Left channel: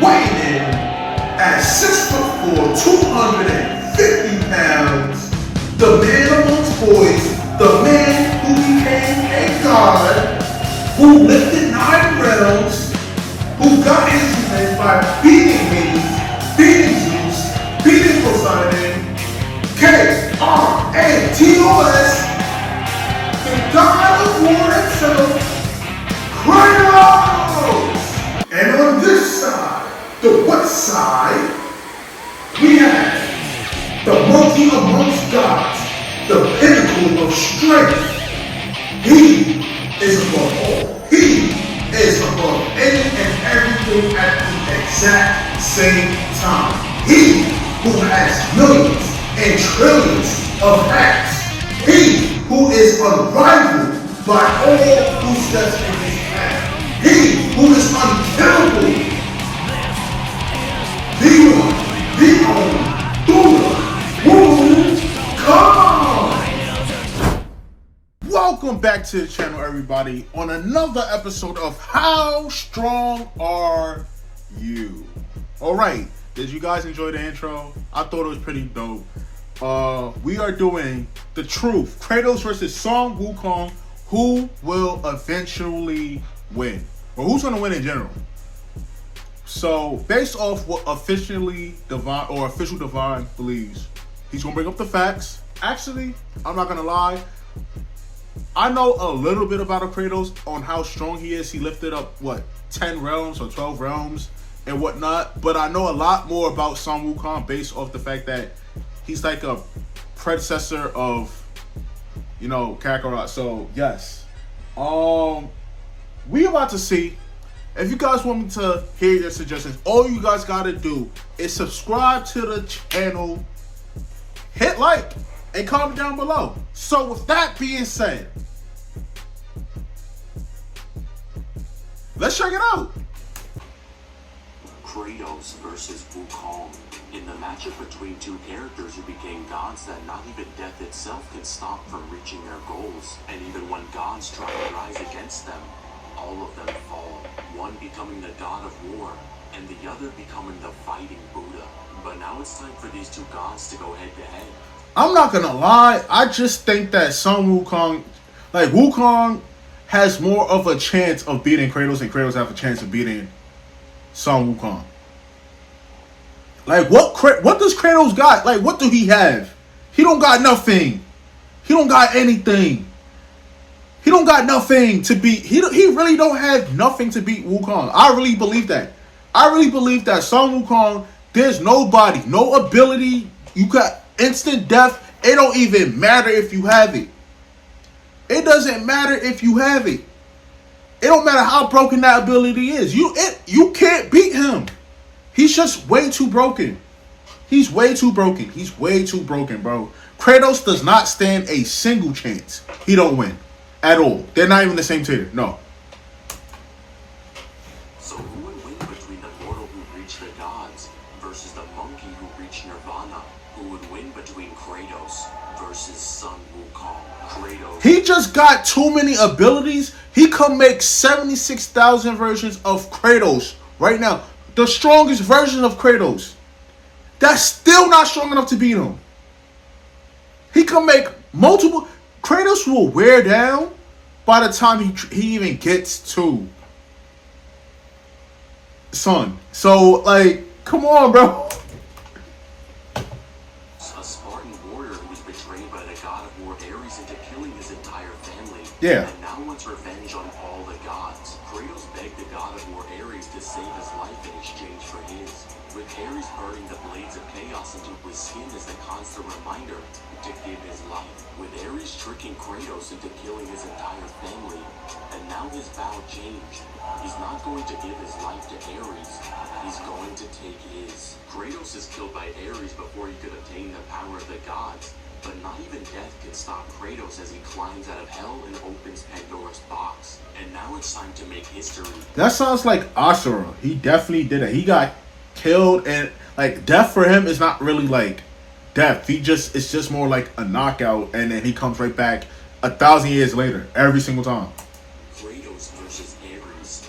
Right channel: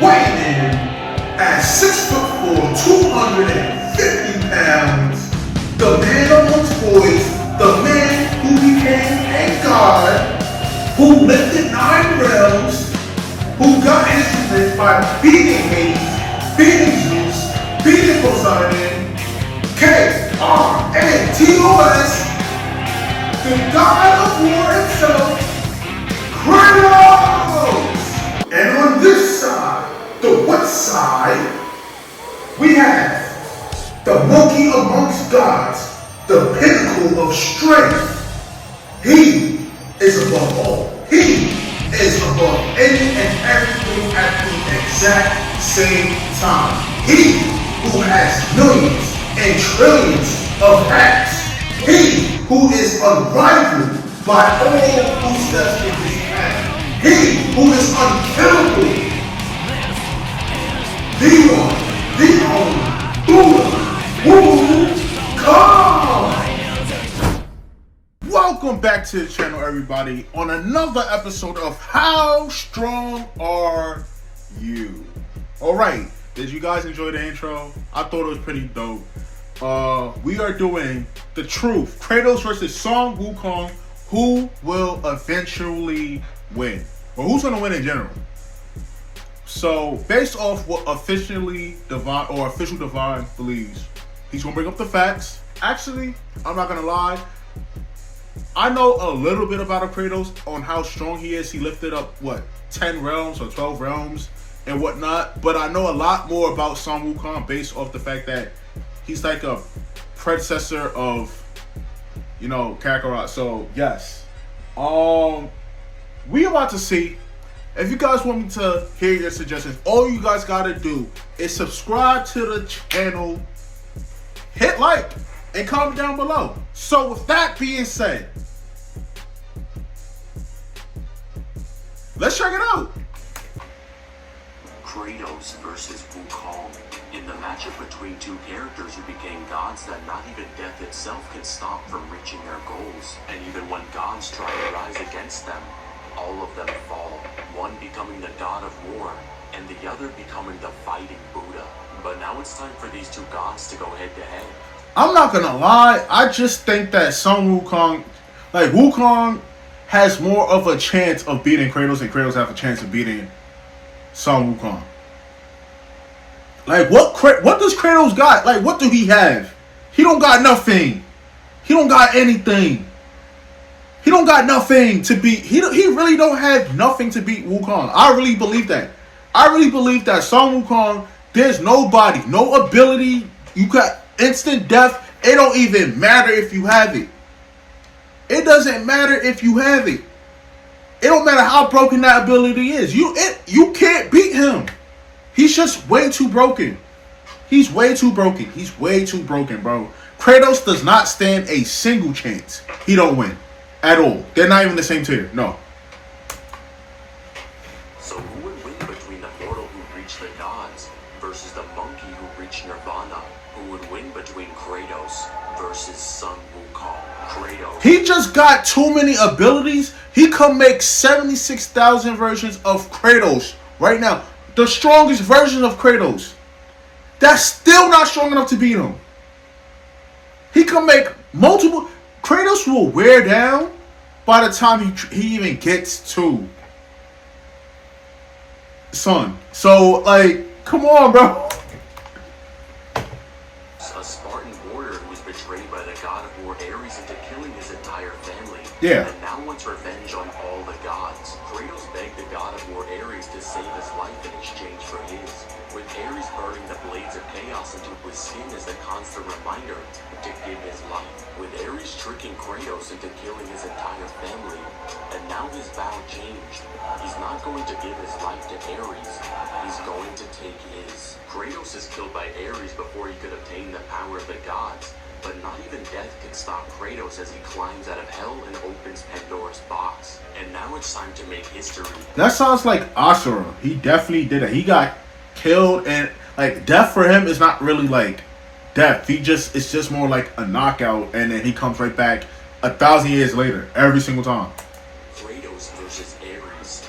weighing in at 6'4", 250 pounds, the man amongst boys, the man who became a god, who lifted 9 realms, who got his strength by beating Hades, beating Zeus, beating Poseidon, Kratos, the god of war himself, Kratos! And on this side, the west side, we have the monkey amongst gods, the pinnacle of strength. He is above all. He is above any and everything at the exact same time. He who has millions and trillions of acts. He who is unrivaled by all who steps in his path. He who is unkillable. The one, the only, Wukong! Welcome back to the channel, everybody, on another episode of How Strong Are You? Alright, did you guys enjoy the intro? I thought it was pretty dope. We are doing the truth. Kratos versus Son Wukong. Who will eventually win? Or who's going to win in general? So, based off what official divine believes, he's going to bring up the facts. Actually, I'm not going to lie. I know a little bit about Kratos on how strong he is. He lifted up, 10 realms or 12 realms and whatnot. But I know a lot more about Son Wukong based off the fact that he's like a predecessor of, Kakarot. So, yes. We about to see. If you guys want me to hear your suggestions, all you guys got to do is subscribe to the channel, hit like, and comment down below. So with that being said, let's check it out. Kratos versus Wukong. In the matchup between two characters who became gods that not even death itself could stop from reaching their goals. And even when gods try to rise against them, all of them fall. One becoming the god of war, and the other becoming the fighting Buddha. But now it's time for these two gods to go head to head. I'm not gonna lie, I just think that Wukong has more of a chance of beating Kratos, and Kratos have a chance of beating Son Wukong. Like, what does Kratos got? Like, what do he have? He don't got nothing. He don't got anything. He don't got nothing to beat. He really don't have nothing to beat Wukong. I really believe that. I really believe that Son Wukong, there's nobody, no ability. You got instant death. It don't even matter if you have it. It doesn't matter if you have it. It don't matter how broken that ability is. You can't beat him. He's just way too broken. He's way too broken. He's way too broken, bro. Kratos does not stand a single chance. He don't win. At all. They're not even the same tier. No. So who would win between the mortal who reached the gods versus the monkey who reached Nirvana? Who would win between Kratos versus Son Wukong? Kratos. He just got too many abilities. He could make 76,000 versions of Kratos right now. The strongest version of Kratos. That's still not strong enough to beat him. He can make multiple. Kratos will wear down by the time he even gets to Son. So, come on, bro. A Spartan warrior who was betrayed by the god of war Ares into killing his entire family. Yeah. And now wants revenge on all the gods. Kratos begged the god of war Ares to save his life in exchange for his. With Ares burning the blades of chaos into his skin as a constant reminder to give his life. With Ares tricking Kratos into killing his entire family, and now his vow changed. He's not going to give his life to Ares, he's going to take his. Kratos is killed by Ares before he could obtain the power of the gods, but not even death can stop Kratos as he climbs out of hell and opens Pandora's box. And now it's time to make history. That sounds like Asura. He definitely did it. He got killed, and death for him is not really death. It's just more like a knockout, and then he comes right back 1,000 years later, every single time. Kratos versus Ares,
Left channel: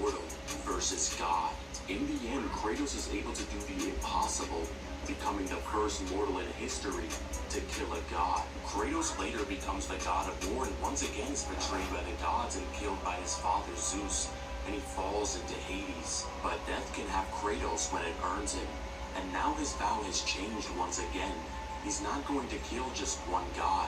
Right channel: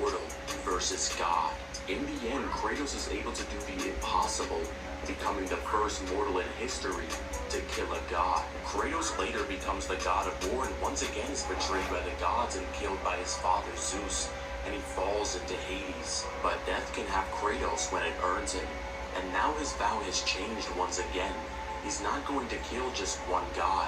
mortal versus God. In In the end, Kratos is able to do the impossible, becoming the first mortal in history to kill a god. Kratos later becomes the god of war and once again is betrayed by the gods and killed by his father Zeus, and he falls into Hades. But death can have Kratos when it earns him, and now his vow has changed once again. He's not going to kill just one god.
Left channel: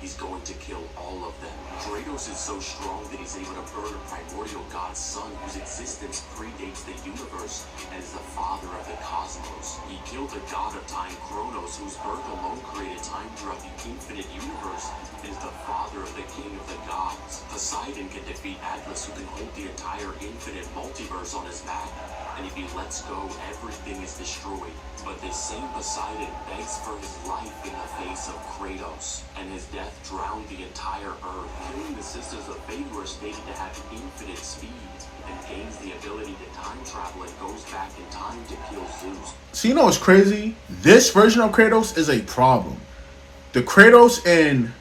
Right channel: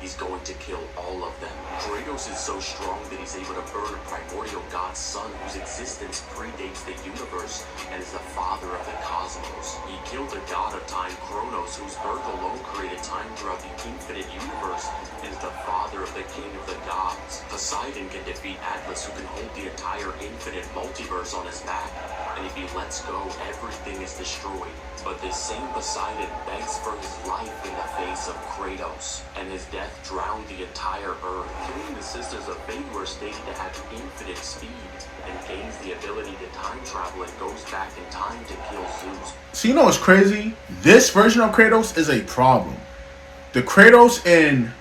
He's going to kill all of them. Kratos is so strong that he's able to burn a primordial god's son whose existence predates the universe and is the father of the cosmos. He killed the god of time, Kronos, whose birth alone created time throughout the infinite universe, and is the father of the king of the gods. Poseidon can defeat Atlas, who can hold the entire infinite multiverse on his back, and if he lets go, everything is destroyed. But this same Poseidon begs for his life in the face of Kratos, and his death drowned the entire earth, killing the Sisters of Fate who are stated to have infinite speed, and gains the ability to time travel and goes back in time to kill Zeus. So you know what's crazy? This version of Kratos is a problem. The Kratos in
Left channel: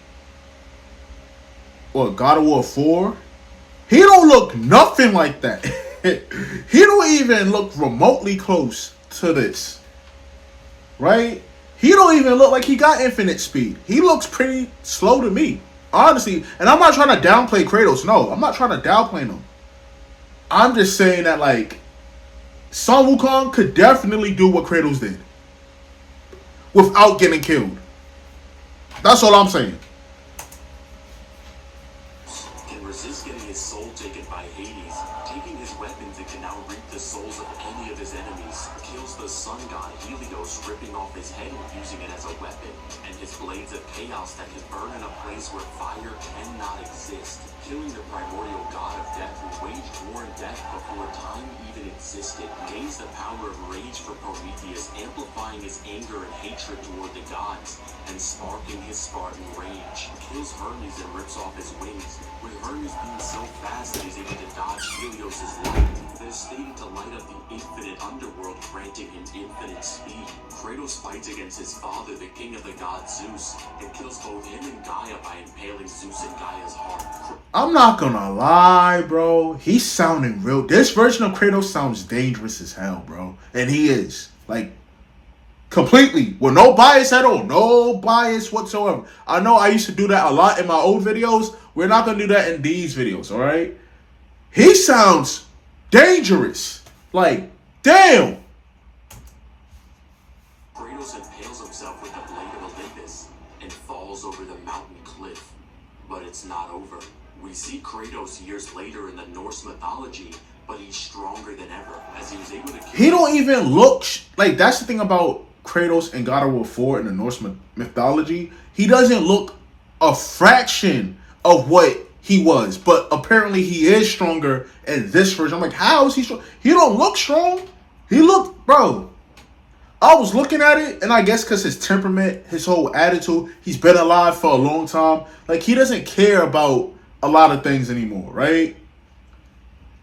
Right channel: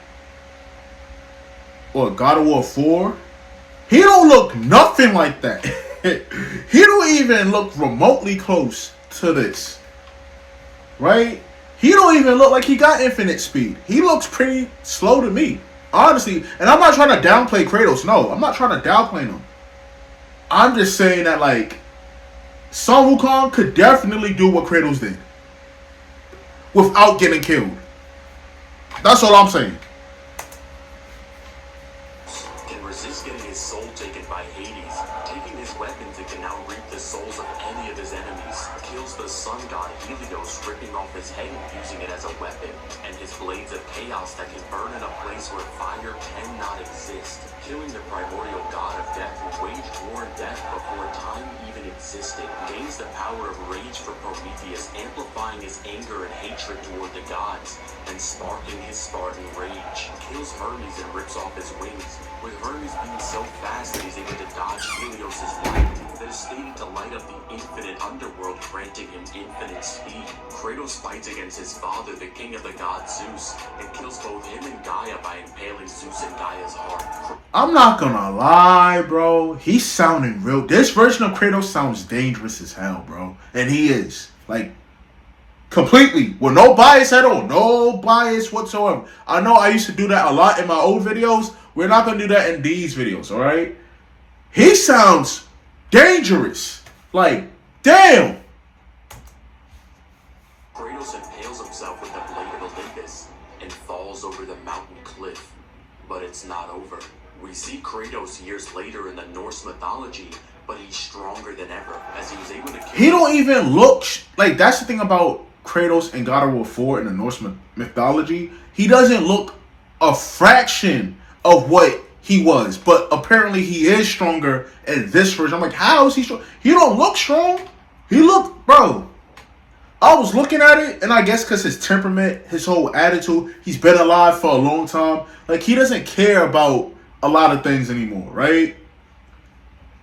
God of War 4, he don't look nothing like that. He don't even look remotely close to this. Right? He don't even look like he got infinite speed. He looks pretty slow to me. Honestly. And I'm not trying to downplay Kratos. No, I'm not trying to downplay him. I'm just saying that, like, Sun Wukong could definitely do what Kratos did without getting killed. That's all I'm saying. Can resist getting his soul taken by Hades. Taking his weapons, it can now reap the souls of any of his enemies. Kills the sun god Helios, ripping off his head and using it as a weapon. And his blades of chaos that can burn in a place where fire cannot exist. Killing the primordial god of death who waged war and death before time even existed. Gains the power of rage for Prometheus, amplifying his anger and hatred toward the gods, and sparking his Spartan rage. Kills Hermes and rips off his wings, with Hermes being so fast that he's able to dodge Helios' light that is stated to light up the infinite underworld, granting him infinite speed. Kratos fights against his father, the king of the gods Zeus, and kills both him and Gaia by impaling Zeus in Gaia's heart. I'm not gonna lie, bro. He's sounding real. This version of Kratos sounds dangerous as hell, bro. And he is. Like, completely. With no bias at all. No bias whatsoever. I know I used to do that a lot in my old videos. We're not gonna do that in these videos, alright? He sounds dangerous. Like, damn. Kratos impales himself with the blade of Olympus and falls over the mountain cliff. But it's not over. We see Kratos years later in the Norse mythology, but he's stronger than ever, as he was able to kill. He don't even look like, that's the thing about Kratos in God of War 4 in the Norse mythology. He doesn't look a fraction of what he was, but apparently he is stronger in this version. I'm like, how is he strong? He don't look strong. He look, bro. I was looking at it, and I guess because his temperament, his whole attitude, he's been alive for a long time. Like, he doesn't care about a lot of things anymore, right?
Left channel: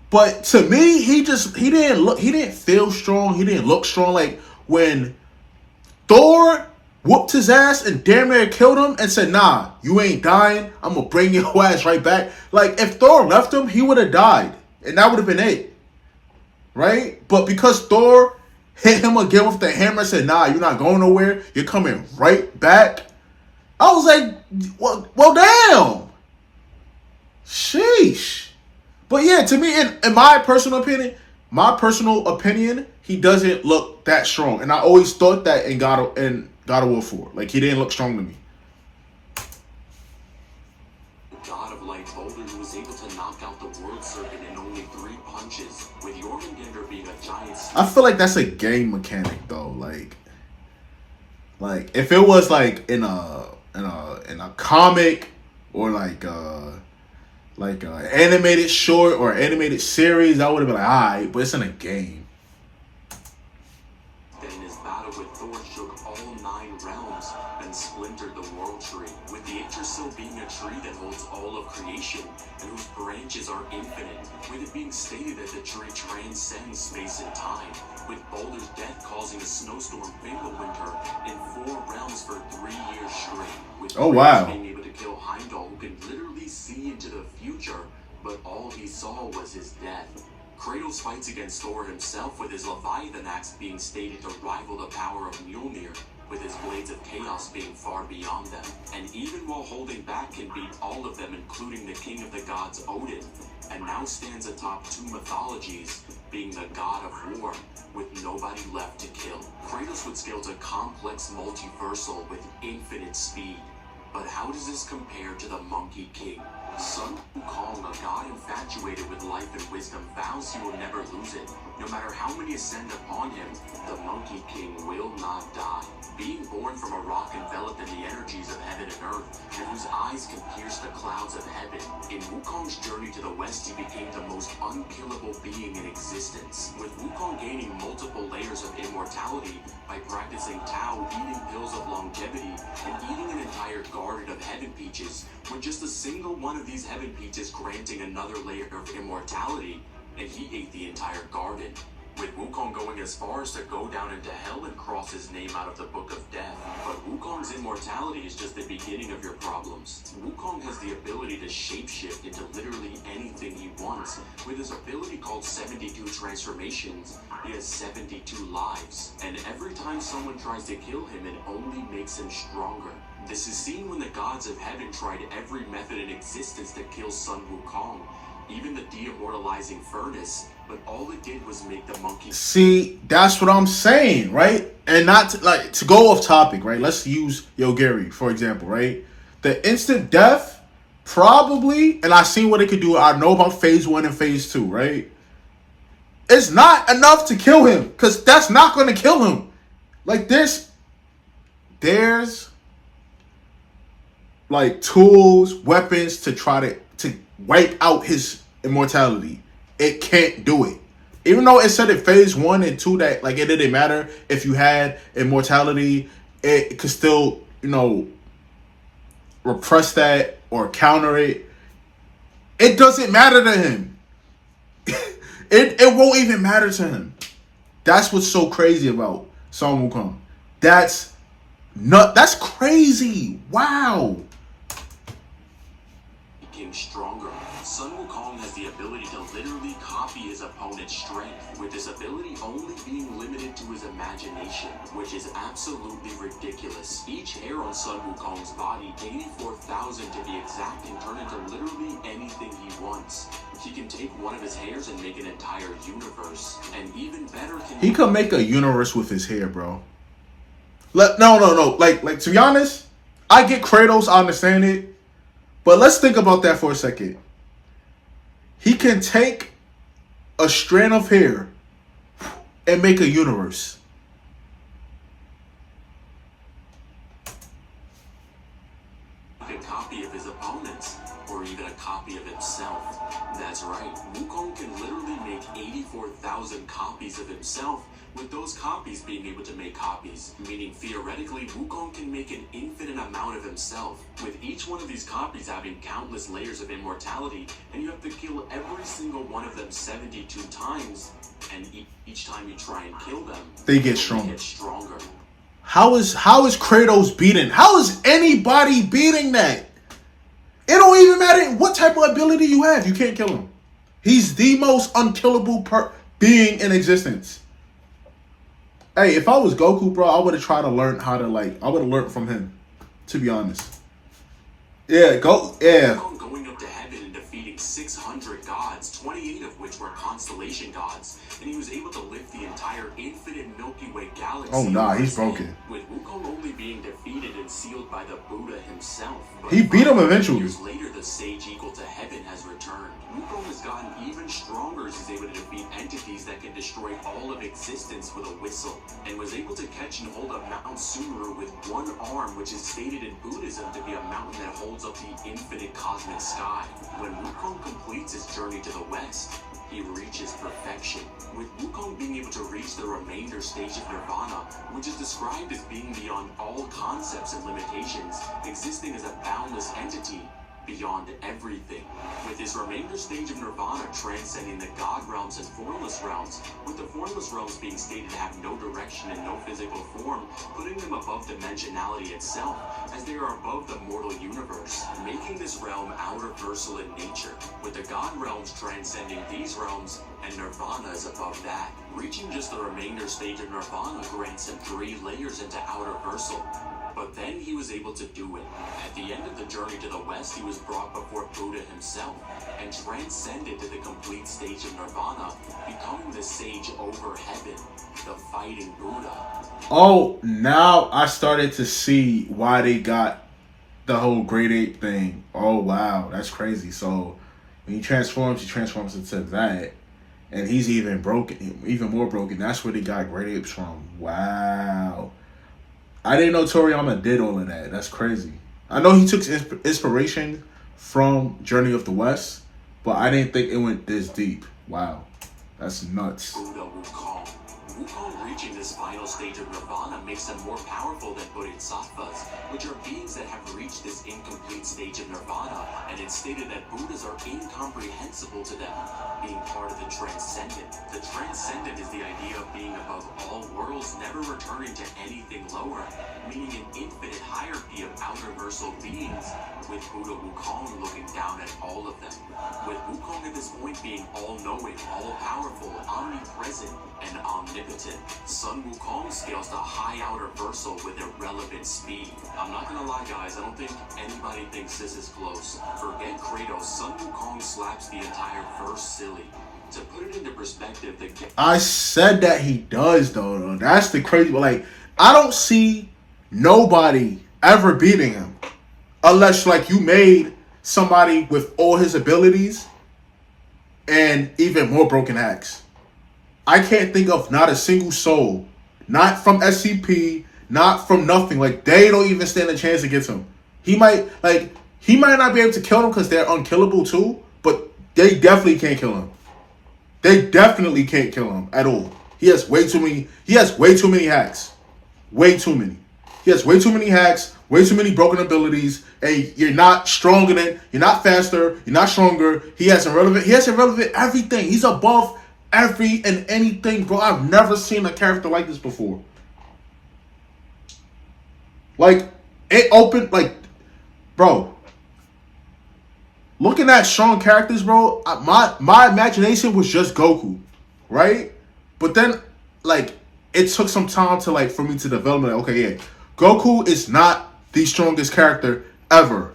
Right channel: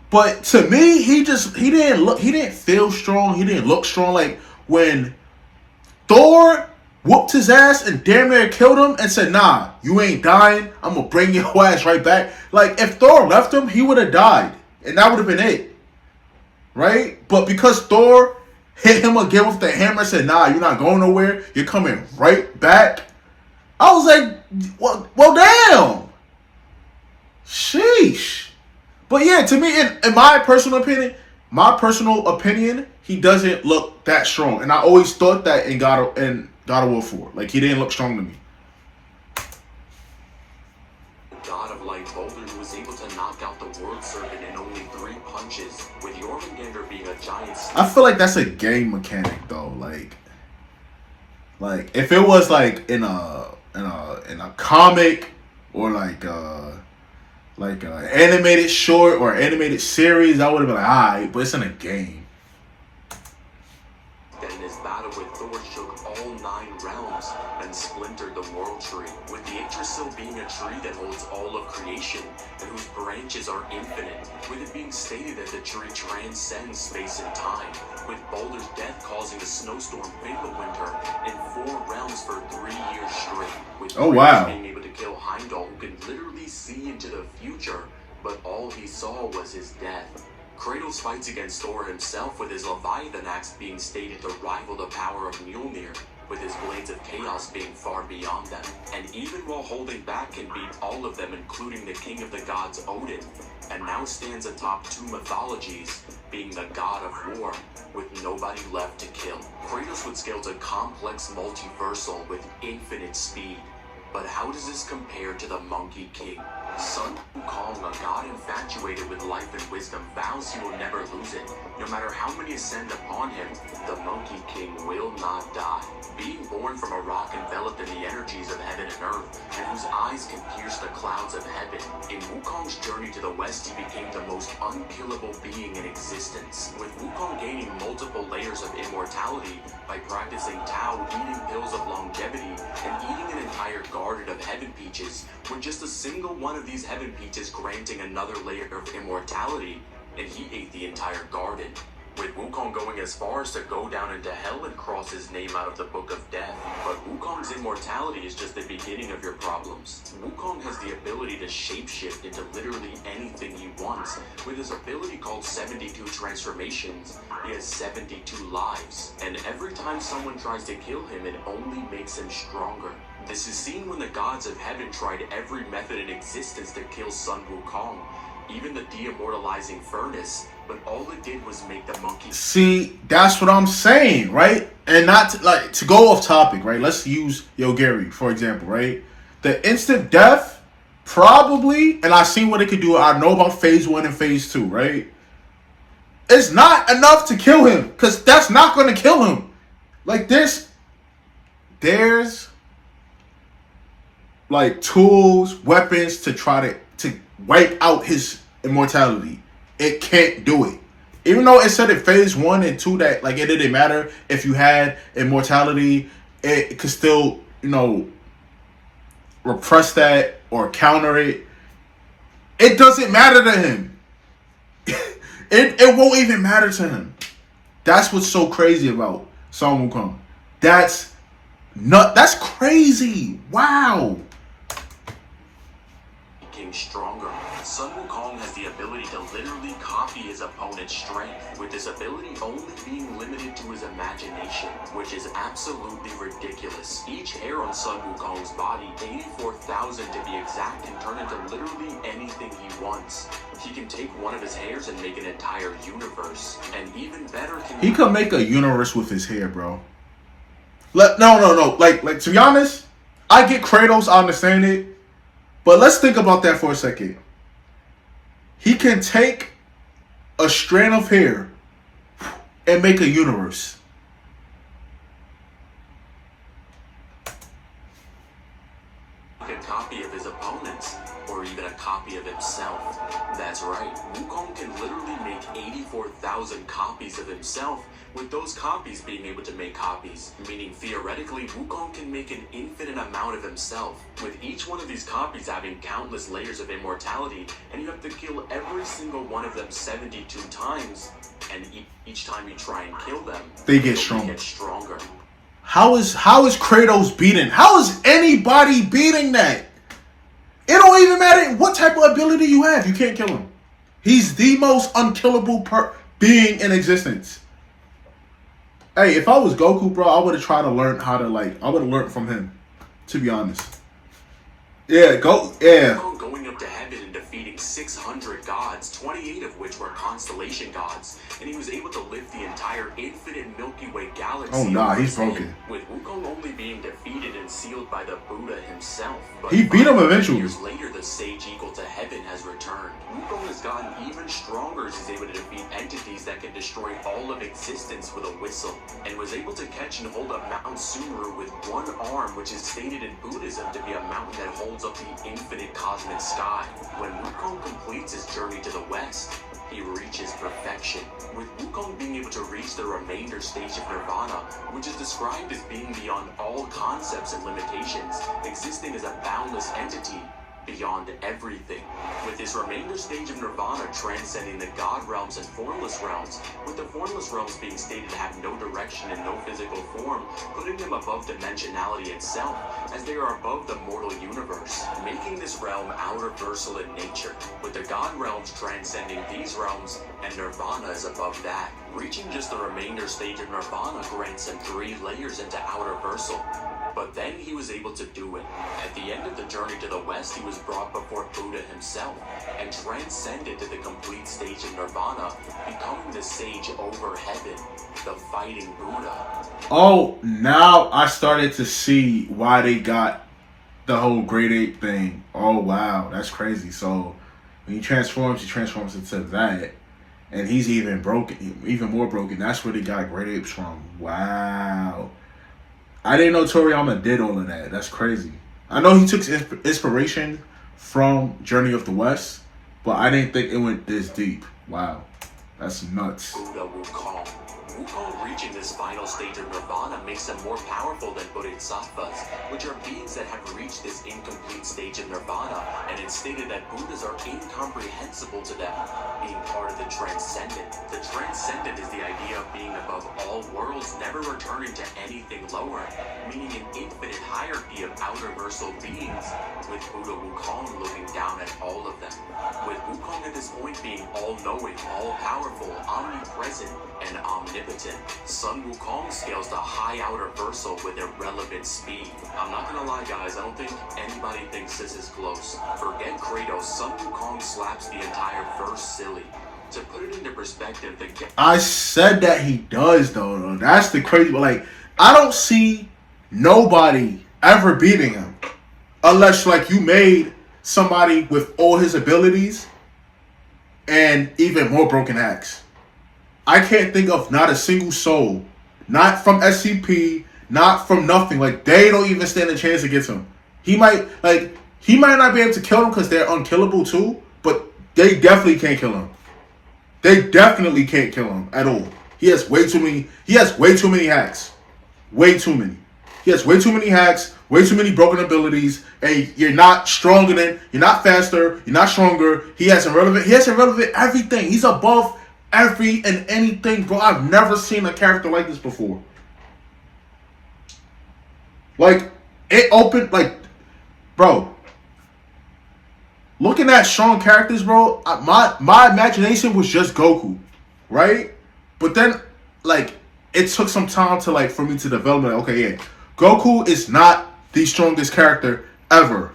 But to me, he didn't feel strong. He didn't look strong. Like, when Thor whooped his ass and damn near killed him and said, nah, you ain't dying. I'm going to bring your ass right back. Like, if Thor left him, he would have died. And that would have been it. Right? But because Thor hit him again with the hammer and said, nah, you're not going nowhere. You're coming right back. I was like, well damn. Sheesh. But yeah, to me, in my personal opinion, he doesn't look that strong. And I always thought that in God of War 4. Like, he didn't look strong to me. God of Light Boulder, who was able to knock out the World Serpent in only 3 punches, with Jormungandr being a giant. I feel like that's a game mechanic though. Like if it was like in a comic or like an animated short or animated series, I would have been like, alright, but it's in a game. And in his battle with Thor shook all 9 realms and splintered the world tree, with the Yggdrasil being a tree that holds all of creation and whose branches are infinite, with it being stated that the tree transcends space and time, with Balder's death causing a snowstorm winter in 4 realms for 3 years straight, with wow. being able to kill Heimdall, who can literally see into the future, but all he saw was his death. Kratos fights against Thor himself, with his Leviathan axe being stated to rival the power of Mjolnir, with his blades of chaos being far beyond them. And even while holding back, can beat all of them, including the king of the gods, Odin, and now stands atop two mythologies, being the god of war, with nobody left to kill. Kratos would scale to complex multiversal with infinite speed. But how does this compare to the Monkey King? Sun Wukong, a god infatuated with life and wisdom, vows he will never lose it. No matter how many ascend upon him, the Monkey King will not die. Being born from a rock enveloped in the energies of heaven and earth, and whose eyes can pierce the clouds of heaven, in Wukong's journey to the west, he became the most unkillable being in existence, with Wukong gaining multiple layers of immortality by practicing Tao, eating pills of longevity, and eating an entire garden of heaven peaches, with just a single one of these heaven peaches granting another layer of immortality, and he ate the entire garden, with Wukong going as far as to go down into hell and cross his name out of the Book of Death. But Wukong's immortality is just the beginning of your problems. Wukong has the ability to shapeshift into literally anything he wants. With his ability called 72 transformations, he has 72 lives. And every time someone tries to kill him, it only makes him stronger. This is seen when the gods of heaven tried every method in existence to kill Sun Wukong, even the de-immortalizing furnace, but all it did was make the monkey... See, that's what I'm saying, right? And not to go off topic, right? Let's use Yogiri, for example, right? The instant death, probably, and I seen what it could do. I know about phase 1 and phase 2, right? It's not enough to kill him, because that's not going to kill him. Like, there's like tools, weapons to try to wipe out his immortality. It can't do it. Even though it said in phase 1 and 2 that like it didn't matter if you had immortality, it could still, repress that or counter it. It doesn't matter to him. It won't even matter to him. That's what's so crazy about Sun Wukong. That's crazy. Wow. Stronger. Sun Wukong has the ability to literally copy his opponent's strength, with his ability only being limited to his imagination, which is absolutely ridiculous. Each hair on Sun Wukong's body, 84,000 to be exact, can turn into literally anything he wants. He can take one of his hairs and make an entire universe, and even better, he could make a universe with his hair, bro. No. Like to be honest, I get Kratos, I understand it. But let's think about that for a second. He can take a strand of hair and make a universe. A copy of his opponents, or even a copy of himself. That's right, Wukong can literally make 84,000 copies of himself, with those copies being able to make copies, meaning theoretically Wukong can make an infinite amount of himself, with each one of these copies having countless layers of immortality, and you have to kill every single one of them 72 times, and each time you try and kill them, they get stronger. How is Kratos beaten? How is anybody beating that? It don't even matter what type of ability you have. You can't kill him. He's the most unkillable being in existence. Hey, if I was Goku, bro, I would have tried to learn how to I would have learned from him, to be honest. Yeah, Going up to heaven and defeating 600 gods, 28 of which were constellation gods, and he was able to lift the entire infinite Milky Way galaxy. Oh nah, he's broken. With Wukong only being defeated and sealed by the Buddha himself. But he beat him eventually. Years later, the sage equal to heaven has returned. Wukong has gotten even stronger as he's able to defeat entities that can destroy all of existence with a whistle, and was able to catch and hold up Mount Sumeru with one arm, which is stated in Buddhism to be a mountain that holds up the infinite cosmic sky. When Wukong completes his journey to the west, he reaches perfection, with Wukong being able to reach the remainder stage of Nirvana, which is described as being beyond all concepts and limitations, existing as a boundless entity, beyond everything. With his remainder stage of Nirvana transcending the God realms and formless realms, with the formless realms being stated to have no direction and no physical form, putting them above dimensionality itself, as they are above the mortal universe, making this realm outerversal in nature, with the God realms transcending these realms, and Nirvana is above that. Reaching just the remainder stage of Nirvana grants him 3 layers into outerversal. But then he was able to do it. At the end of the journey to the west, he was brought before Buddha himself, and transcended to the complete stage of Nirvana, becoming the sage over heaven, the fighting Buddha. Oh, now I started to see why they got the whole great ape thing. Oh, wow, that's crazy. So when he transforms into that. And he's even more broken. That's where they got great apes from. Wow. I didn't know Toriyama did all of that. That's crazy. I know he took inspiration from Journey of the West, but I didn't think it went this deep. Wow. That's nuts. Buddha Wukong. Wukong reaching this final stage of Nirvana makes him more powerful than Bodhisattvas, which are beings that have reached this incomplete stage of Nirvana, and it's stated that Buddhas are incomprehensible to them, being part of the transcendent. The transcendent is the idea of being above all worlds, never returning to anything lower, meaning an infinite hierarchy of outerversal beings, with Buddha Wukong looking down at all of them. With Wukong at this point being all-knowing, all-powerful, omnipresent, and omnipotent, Sun Wukong scales the high outerversal with irrelevant speed. I'm not gonna lie, guys, I don't think anybody thinks this is close. Forget Kratos, Sun Wukong slaps the entire verse silly. To put it into perspective, I said that he does, though. That's the crazy. Like, I don't see nobody ever beating him, unless like you made somebody with all his abilities and even more broken hacks. I can't think of not a single soul, not from SCP, not from nothing. Like, they don't even stand a chance against him. He might not be able to kill them because they're unkillable too, but they definitely can't kill him. They definitely can't kill him at all. He has way too many hacks. Way too many. He has way too many hacks, way too many broken abilities, and you're not stronger than, you're not faster, you're not stronger. He has irrelevant everything. He's above every and anything, bro. I've never seen a character like this before. Like, it opened, like, bro, looking at strong characters, bro, my imagination was just Goku, right? But then, like, it took some time to, like, for me to develop it. Okay, yeah, Goku is not the strongest character ever.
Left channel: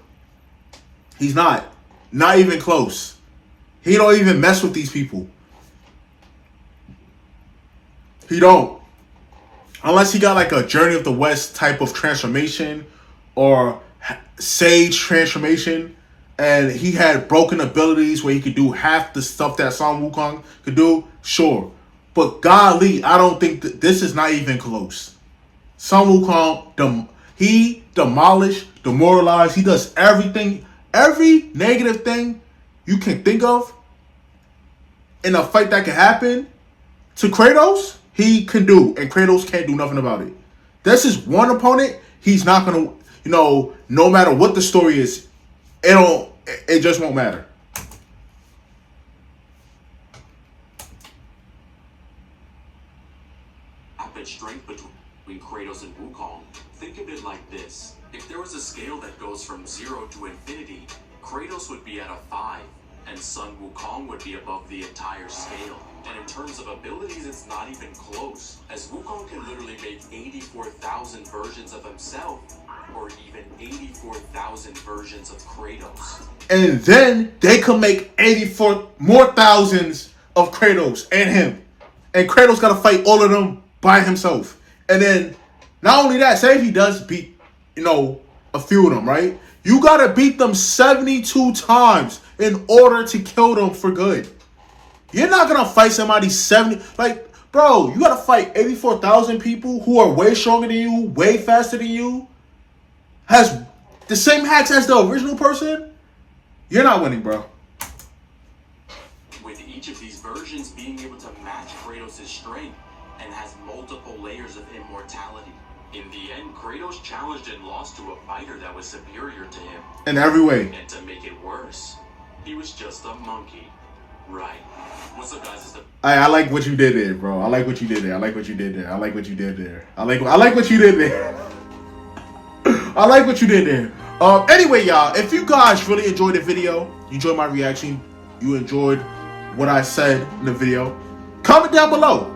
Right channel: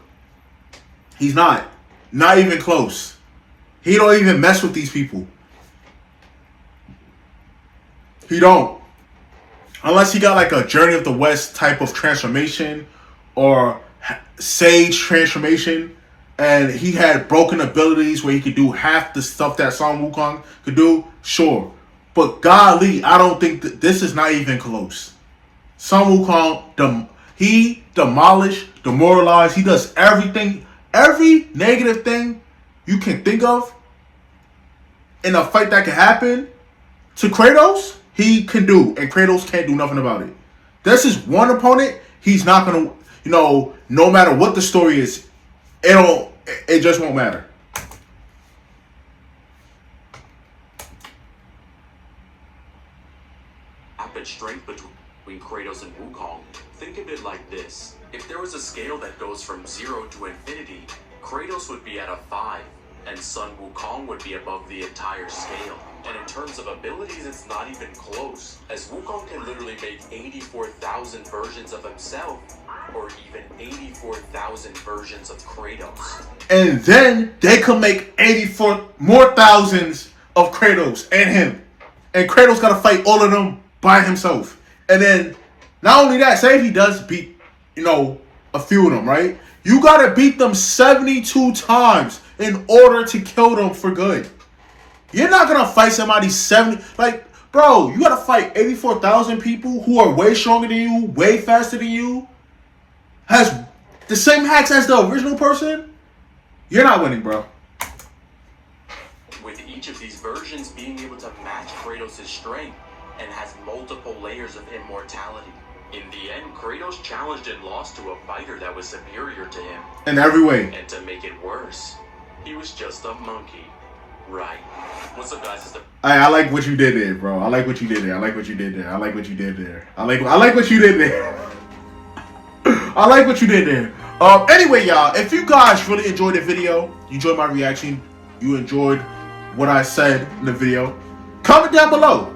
He's not even close. He don't even mess with these people. He don't. Unless he got like a Journey of the West type of transformation or Sage transformation, and he had broken abilities where he could do half the stuff that Sun Wukong could do, sure. But golly, I don't think that this is not even close. Sun Wukong, he demolished, demoralized, he does everything, every negative thing you can think of in a fight that can happen to Kratos, he can do, and Kratos can't do nothing about it. This is one opponent, he's not going to, no matter what the story is, it just won't matter. Rapid strength between Kratos and Wukong. Think of it like this. If there was a scale that goes from 0 to infinity, Kratos would be at a 5, and Sun Wukong would be above the entire scale. And in terms of abilities, it's not even close, as Wukong can literally make 84,000 versions of himself, or even 84,000 versions of Kratos. And then they could make 84 more thousands of Kratos and him. And Kratos got to fight all of them by himself. And then, not only that, say if he does beat, a few of them, right? You got to beat them 72 times in order to kill them for good. You're not going to fight somebody 70... Like, bro, you got to fight 84,000 people who are way stronger than you, way faster than you, has the same hacks as the original person. You're not winning, bro. With each of these versions being able to match Kratos' strength, and has multiple layers of immortality. In the end, Kratos challenged and lost to a fighter that was superior to him. In every way. And to make it worse, he was just a monkey. Right. What's up, guys? I like what you did there, bro. I like what you did there. I like what you did there. I like what you did there. I like what you did there. I like what you did there. Anyway, y'all, if you guys really enjoyed the video, you enjoyed my reaction, you enjoyed what I said in the video, comment down below.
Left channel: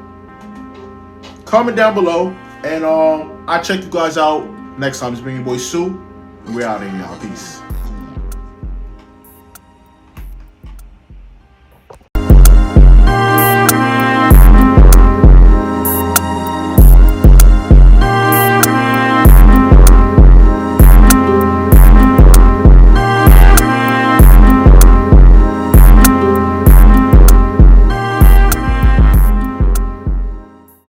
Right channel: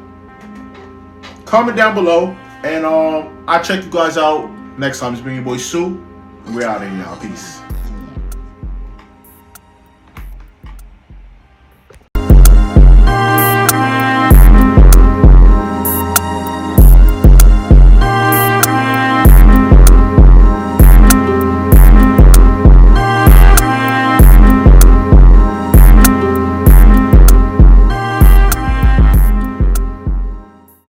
Comment down below. And I'll check you guys out next time. It's been your boy Sue. And we're out of here, y'all. Peace.